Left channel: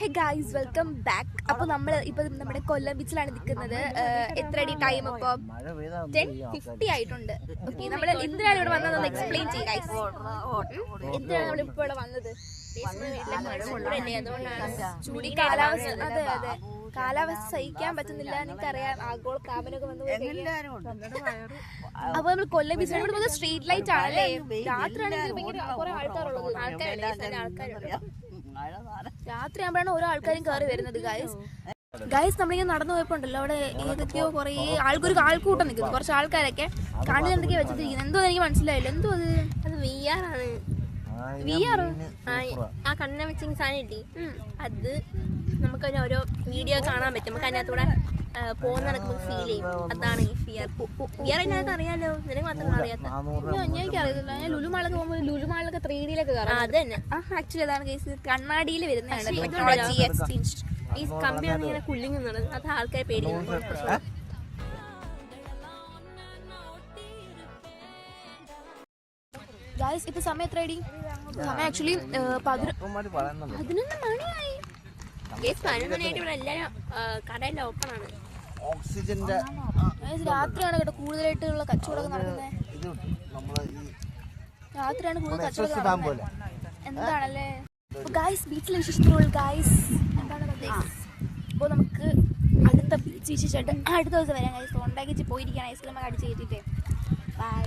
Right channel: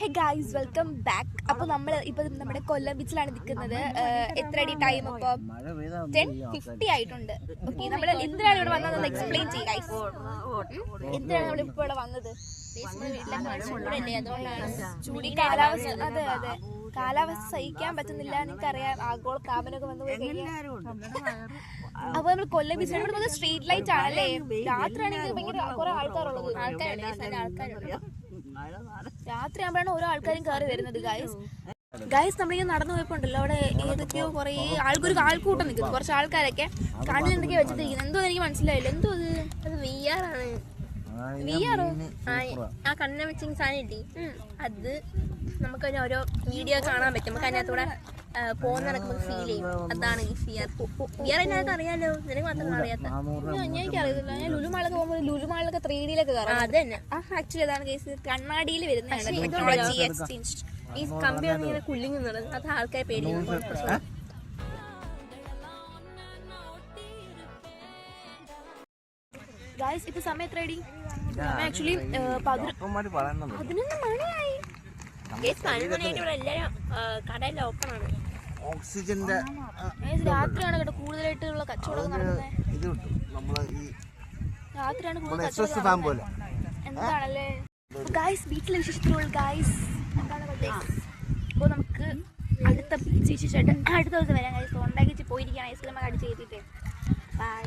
Hey guys, welcome back. അപ്പോൾ നമ്മൾ ഇപ്പോൾ നമ്മുടെ കൊല്ലം ബീച്ചിലാണ് നിൽക്കുന്നത്. എത്ര അടി ടൈം ഇപ്പോൾ 10:50 ആയിട്ടുണ്ട്. ഓക്കെ, നമ്മൾ എന്തിനാണ് ഇവിടെ വന്നതെന്ന് എക്സ്പ്ലെയിൻ ചെയ്യാം ഗൈസ്. എന്തിനാണ് നമ്മൾ ഇപ്പോൾ ഇവിടെ വന്നത്? ചൂടി കാലാവസ്ഥ, അതെ അതെ, കാലാവസ്ഥ സഹിക്കാൻ പറ്റുന്നില്ല. നിങ്ങൾക്കറിയാം, ആഗോള താപനമൊക്കെ വന്നു കഴിഞ്ഞാൽ. അപ്പൊ നമ്മൾ കൊല്ലം ബീച്ചിൽ സ്ട്രീറ്റ് ലൈറ്റ് ആണല്ലേ. രാത്രിയാണെങ്കിൽ ഭയങ്കര കുറെ ആൾക്കാരുള്ളത്. രാത്രി ആകുമ്പോഴാണ് ഓരോ ആൾക്കാരും കയറി വരുന്നത്. ഗൈസ് നമ്മളിങ്ങനെ നടന്നു പോയപ്പോ ഉണ്ടല്ലോ, അവിടെ ഏതൊക്കെയോ കുറെ ആൾക്കൂട്ടം നിൽക്കുന്നു. കുറച്ച് ആൾക്കാരൊക്കെ കണ്ണിൽ എന്തൊക്കെയോ വെച്ചിട്ടിരിക്കുന്നു. എന്തോ എനിക്ക് മനസ്സിലായില്ല. എന്തോ അത് VR ആണ്. VR ആ കണ്ണിനെ വെച്ച സാധനം ഇല്ലേ, അത് നമുക്ക് ഓരോ വീഡിയോ കാണാൻ പറ്റും. നമുക്ക് അതിനകത്തൂടെ പോകുന്ന നടക്കുമ്പോൾ ഫീൽ ചെയ്യും. അതാണ് ഈ VR അതിനകത്ത് അറിയാലോ. നിനക്ക് മാത്രം അറിയാത്ത. എനിക്കറിയില്ല. ഞാൻ ലുലുമാളൊക്കെ പോകുമ്പോൾ ലുലുമാളിലൊക്കെ 3Dയിലൊക്കെ കയറാം. അത് തന്നെ ആക്ച്വലി അതാണ് കേസ്. കണ്ണാടിയിൽ വരുന്നതാണ് ഈ കമ്പിയാണ് ഇങ്ങനെ കുല്ലിങ്ങുന്നത്. അത് ആൾക്കാരെ പേടിയാണ്. ഗൈസ് ഇപ്പൊ സമയം എത്ര അടി? സമയം ആക്ച്വലി 11 മണിയായി. കടയെല്ലാം ഓപ്പൺ ആണ്. ഓക്സിജന്റെ രാത്രിയാണ് കേട്ടോ കൂടുതലായിട്ടുള്ള കച്ചവടം നടക്കുന്നത്. രാത്രിയാണ് കൂടുതൽ കച്ചവടം. എന്താണല്ലേ ഗൈസ് ബീച്ചിലെ വിശേഷത്തിലുള്ള ഗൈസ് എന്താണ് അപ്പോൾ നമുക്ക് അടുത്ത വിശേഷമായിട്ട് അടുത്ത ദിവസം വരാം ഗൈസ്. ഉണ്ടാക്കി പോയിരിക്കുകയാണ് ഐസ്ക്രീമൊക്കെ അടിച്ച് കയറ്റിട്ട്. ബൈ.